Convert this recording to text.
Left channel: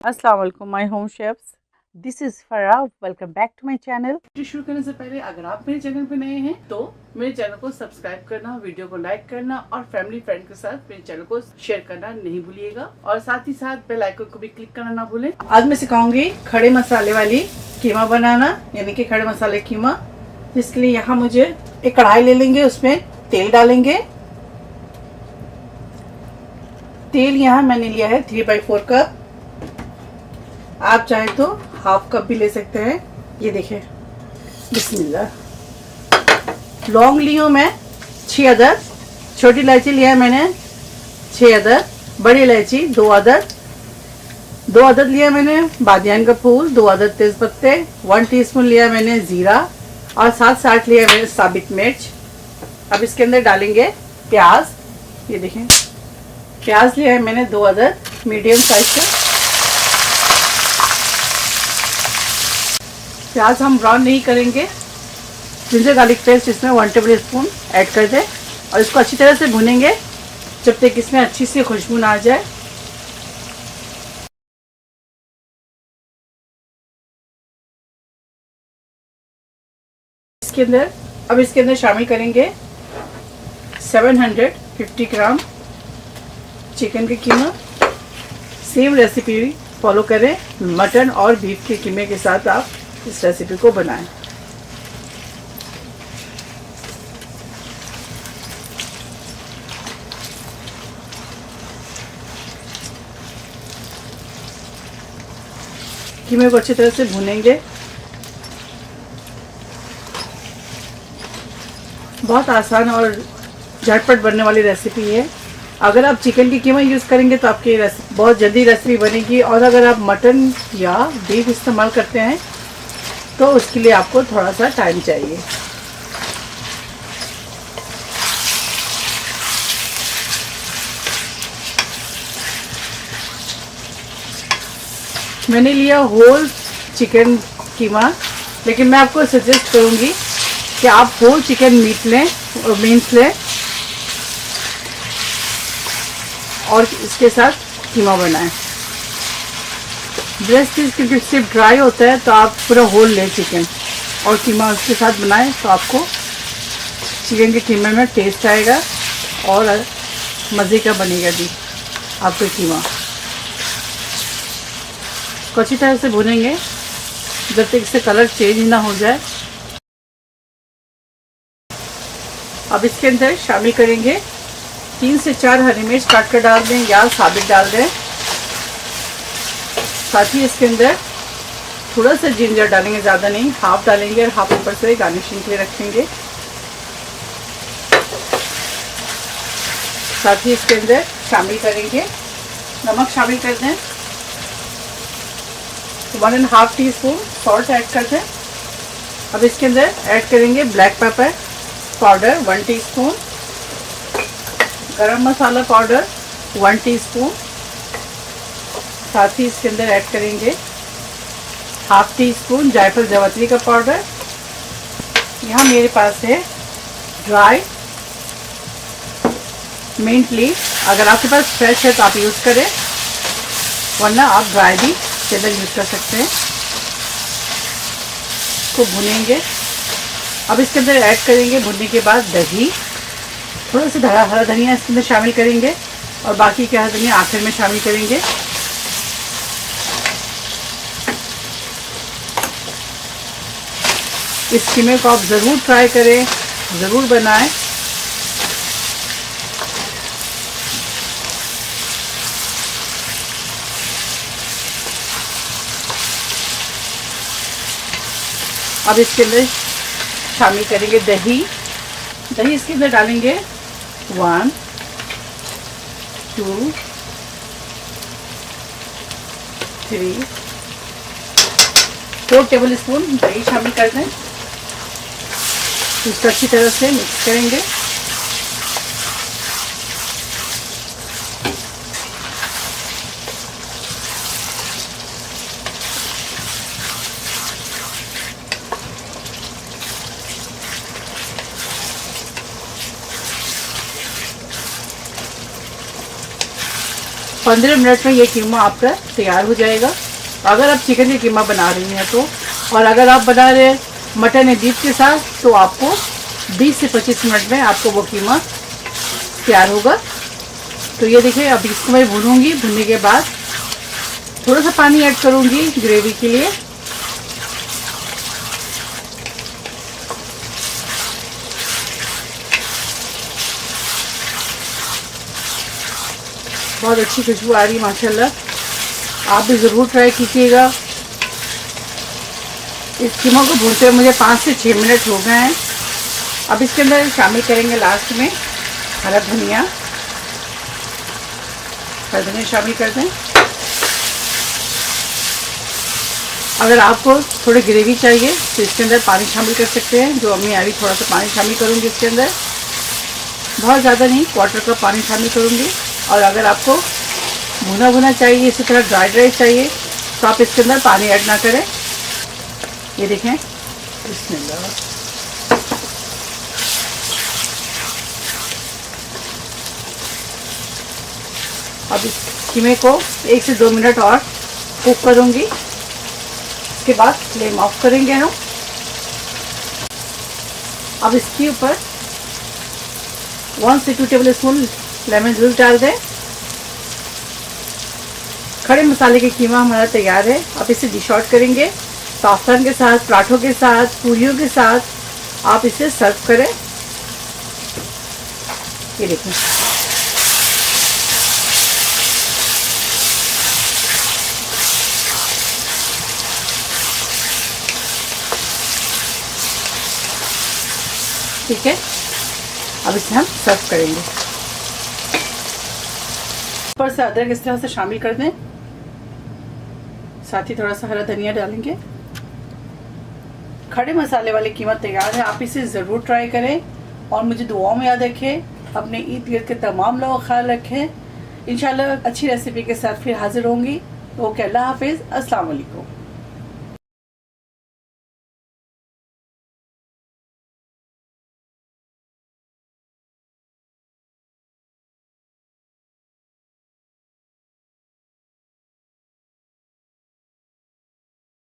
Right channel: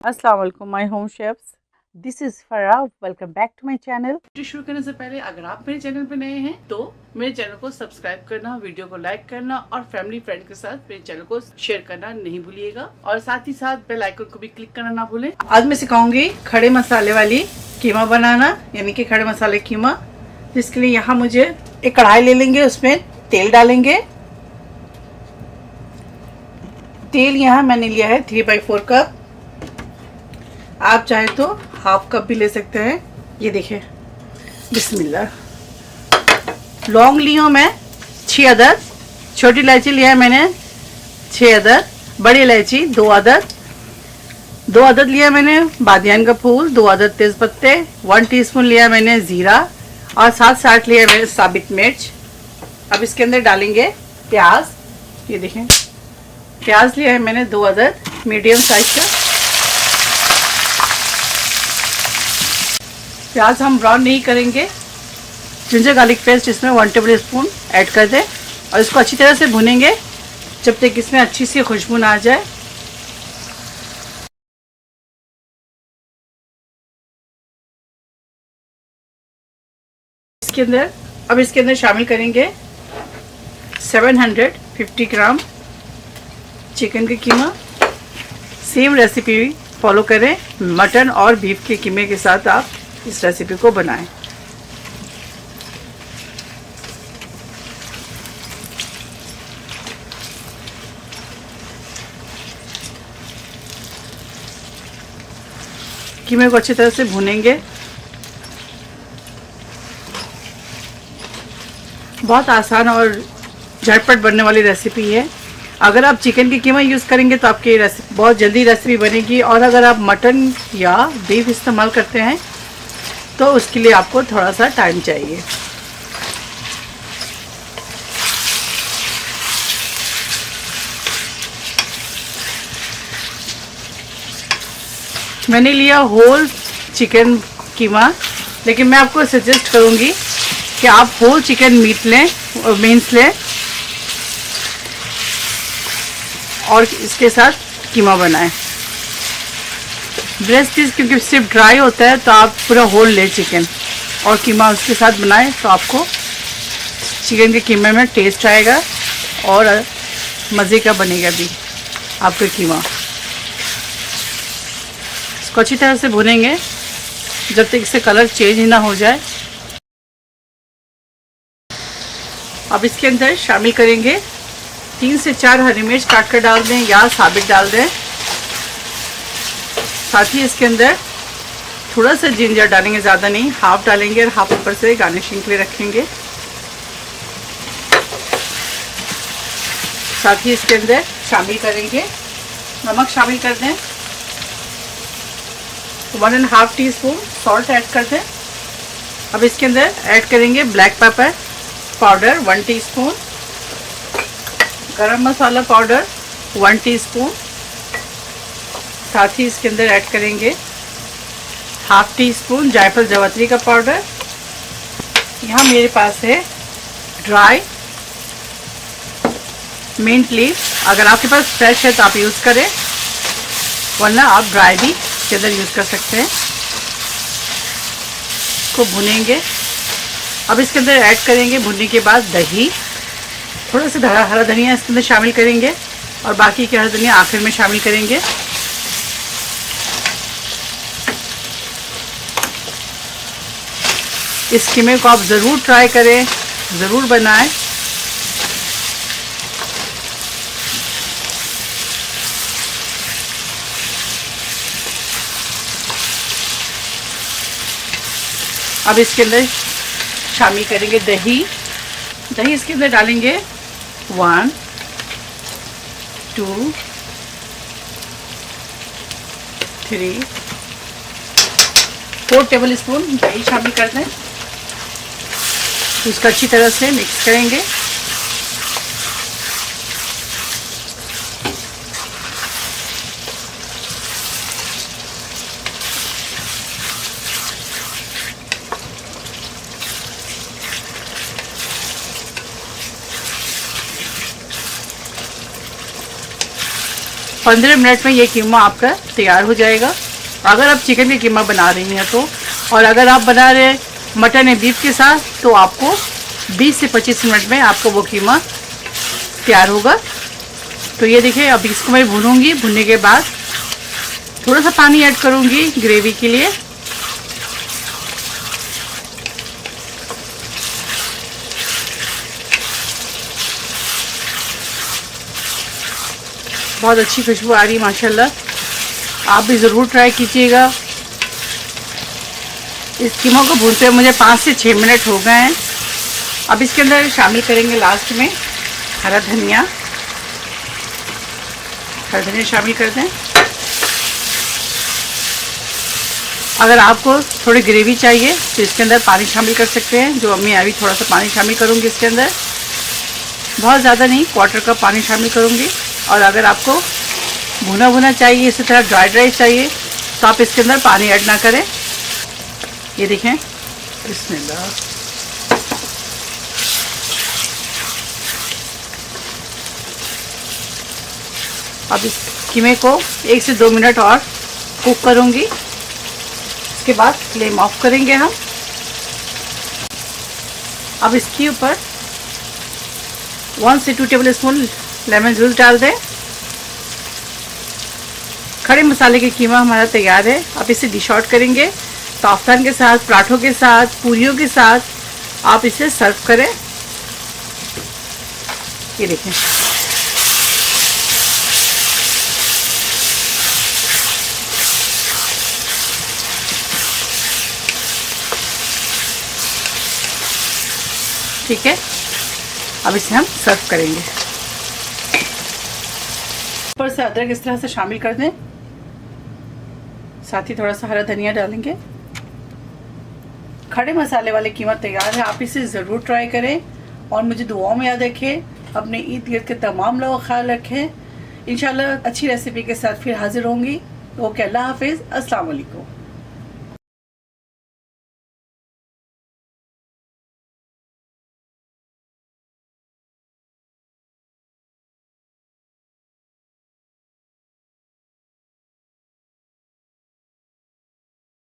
अस्सलाम वालेकुम my home chefs, this is Farah. Welcome back to my channel. Video शुरू करने से पहले अगर आप मेरे चैनल पे नए हैं तो मेरे चैनल को सब्सक्राइब करना, वीडियो को लाइक करना और फैमिली फ्रेंड के साथ मेरे चैनल को शेयर करना नहीं भूलिएगा और साथ ही साथ बेल आइकन को भी क्लिक करना ना भूलें। आज मैं सिखाऊंगी खड़े मसाले वाली कीमा बनाना, यानी कि खड़े मसाले कीमा। जिसके लिए यहाँ मुझे एक कढ़ाई ले लेंगे, उसमें तेल डालेंगे। तेल यहाँ मैंने लिया है 3/4 कप। आप चाहे तो हाफ कप भी ले सकते हैं। ये देखिए, बिस्मिल्लाह। लौंग ली हूँ मैं 6 अदद, छोटी इलायची लिया है मैंने 6 अदद, बड़ी इलायची 2 अदद, 2 अदद लिया मैंने बादियान का फूल, 2 अदद तेज पत्ते, 1 टीस्पून लिया मैंने जीरा और 7 से 8 लिया मैंने साबित मिर्च। अब इसके अंदर डालेंगे प्याज। ये देखें, प्याज लिया है मैंने 2 अदद मीडियम साइज का। प्याज हम ब्राउन नहीं करेंगे। जिंजर गार्लिक पेस्ट इसमें 1 टेबल स्पून ऐड कर दें और इसको अच्छी तरह से भुनेंगे जब तक इसमें अच्छी सी खुशबू ना आ जाए। इसके अंदर शामिल करेंगे 750 ग्राम चिकन के कीमा। सेम रेसिपी फॉलो करें, मटन और बीफ के कीमे के साथ आप इस रेसिपी को बनाएं। कीमे को अच्छी तरह से भूनेंगे। बहुत आसान और झटपट बनने वाली रेसिपी है। अगर आप चिकन की कीमा यूज़ करेंगे तो आपकी रेसिपी बहुत जल्दी रेसिपी बनेगी, और अगर आप मटन या बीफ इस्तेमाल करते हैं तो उसके लिए आपको थोड़ा सा टाइम चाहिए। मैंने लिया होल चिकन कीमा, लेकिन मैं आपको सजेस्ट करूंगी कि आप होल चिकन मीट लें और इसके साथ कीमा बनाएं। ब्रेस्ट पीस क्योंकि सिर्फ ड्राई होता है, तो आप पूरा होल लें चिकन और कीमा उसके साथ बनाएं, तो आपको चिकन के कीमे में टेस्ट आएगा और मज़े का बनेगा भी आपका कीमा। इसको अच्छी तरह से भुनेंगे जब तक इससे कलर चेंज ना हो जाए। अब इसके अंदर शामिल करेंगे 3 से 4 हरी मिर्च काट कर डाल दें या साबित डाल दें। साथ ही इसके अंदर थोड़ा सा जिंजर डालेंगे, ज़्यादा नहीं, हाफ डालेंगे और हाफ ऊपर से गार्निशिंग के लिए रखेंगे। साथ ही इसके अंदर शामिल करेंगे नमक, शामिल कर दें 1.5 टीस्पून सॉल्ट ऐड कर दें। अब इसके अंदर ऐड करेंगे ब्लैक पेपर पाउडर 1 टीस्पून, गरम मसाला पाउडर 1 टीस्पून। साथ ही इसके अंदर ऐड करेंगे हाफ टी स्पून जायफल जावित्री का पाउडर। यहाँ मेरे पास है ड्राई मिंट लीफ, अगर आपके पास फ्रेश है तो आप यूज़ करें, वरना आप ड्राई भी इसके अंदर यूज़ कर सकते हैं। इसको भुनेंगे। अब इसके अंदर ऐड करेंगे भुनने के बाद दही, थोड़ा सा हरा धनिया इसके अंदर शामिल करेंगे और बाकी के हरा धनिया आखिर में शामिल करेंगे। इस कीमे को आप ज़रूर ट्राई करें, ज़रूर बनाएं। अब इसके अंदर शामिल करेंगे दही। इसके अंदर डालेंगे 1, 2, 3, 4 टेबल स्पून दही शामिल कर दें। इसको अच्छी तरह से मिक्स करेंगे। 15 मिनट में ये कीमा आपका तैयार हो जाएगा। अगर आप चिकन का कीमा बना रही हैं तो, और अगर आप बना रहे मटन या बीफ के साथ तो आपको 20 से 25 मिनट में आपको वो कीमा तैयार होगा। तो ये देखिए, अब इसको मैं भूनूंगी। भूनने के बाद थोड़ा सा पानी ऐड करूंगी ग्रेवी के लिए। बहुत अच्छी खुशबू आ रही है माशाल्लाह। आप भी ज़रूर ट्राई कीजिएगा। इस कीमा को भूनते हुए मुझे 5 से 6 मिनट हो गए हैं। अब इसके अंदर शामिल करेंगे लास्ट में हरा धनिया। हरा धनिया शामिल कर दें। अगर आपको थोड़ी ग्रेवी चाहिए तो इसके अंदर पानी शामिल कर सकते हैं, जो मैं अभी थोड़ा सा पानी शामिल करूँगी इसके अंदर। बहुत ज़्यादा नहीं, क्वार्टर कप पानी शामिल करूँगी। और अगर आपको भुना भुना चाहिए, इसी तरह ड्राई चाहिए, तो आप इसके अंदर पानी ऐड ना करें। ये देखें, बिस्मिल्लाह। अब इस कीमे को 1 से 2 मिनट और कुक करूँगी। इसके बाद फ्लेम ऑफ करेंगे हम। अब इसके ऊपर 1 से 2 टेबल स्पून लेमन जूस डाल दें। खड़े मसाले के कीमा हमारा तैयार है। अब इसे डिश आउट करेंगे। पास्ता के साथ, पराठों के साथ, पूरियों के साथ आप इसे सर्व करें। ये देखें, ठीक है। अब इसे हम सर्व करेंगे। ऊपर से अदरक इस तरह से शामिल कर दें, साथ ही थोड़ा सा हरा धनिया डालेंगे। खड़े मसाले वाले कीमा तैयार है। आप इसे ज़रूर ट्राई करें और मुझे दुआओं में याद रखें। अपने ईद गिर्द के तमाम लोगों का ख्याल रखें। इंशाल्लाह अच्छी रेसिपी के साथ फिर हाजिर होंगी। ओके, अल्लाह हाफिज़, अस्सलाम वालेकुम।